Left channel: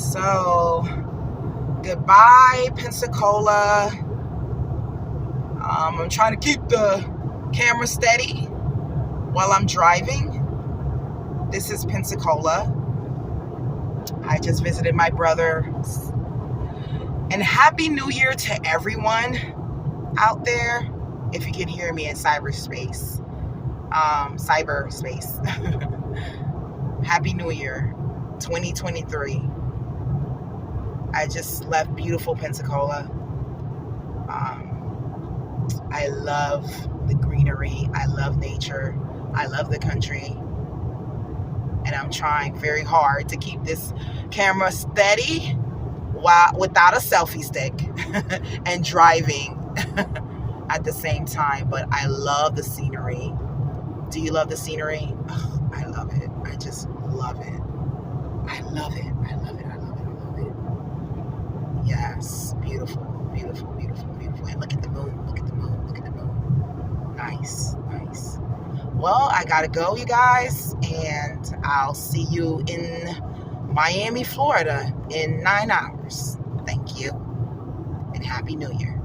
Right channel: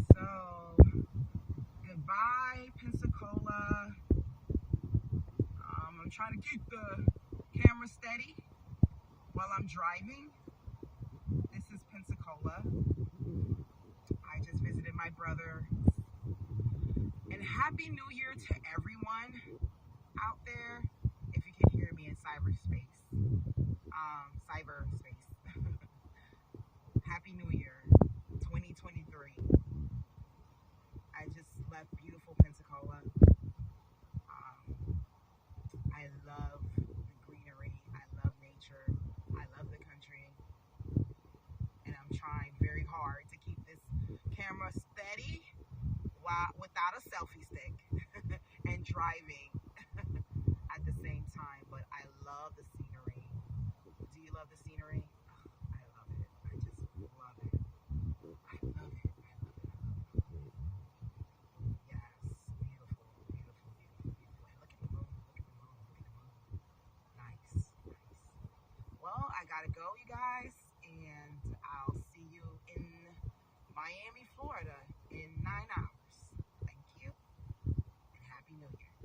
So, goodbye, Pensacola. I'm trying to keep the camera steady while I'm driving. This is Pensacola. I just visited my brother. And Happy New Year to everyone out there. If you can hear me in cyberspace. Happy New Year 2023. I just left beautiful Pensacola. I love the greenery. I love nature. I love the country. And I'm trying very hard to keep this camera steady without a selfie stick and driving at the same time. But I love the scenery. Do you love the scenery? Oh, I love it. I just love it. I love it. I love it. I love it. I love it. Yes. Beautiful. Beautiful. Beautiful. Beautiful. And look at the moon. Look at the moon. Look at the moon. Nice. Nice. Well, I gotta go, you guys. And I'll see you in Miami, Florida in 9 hours. Thank you. And Happy New Year.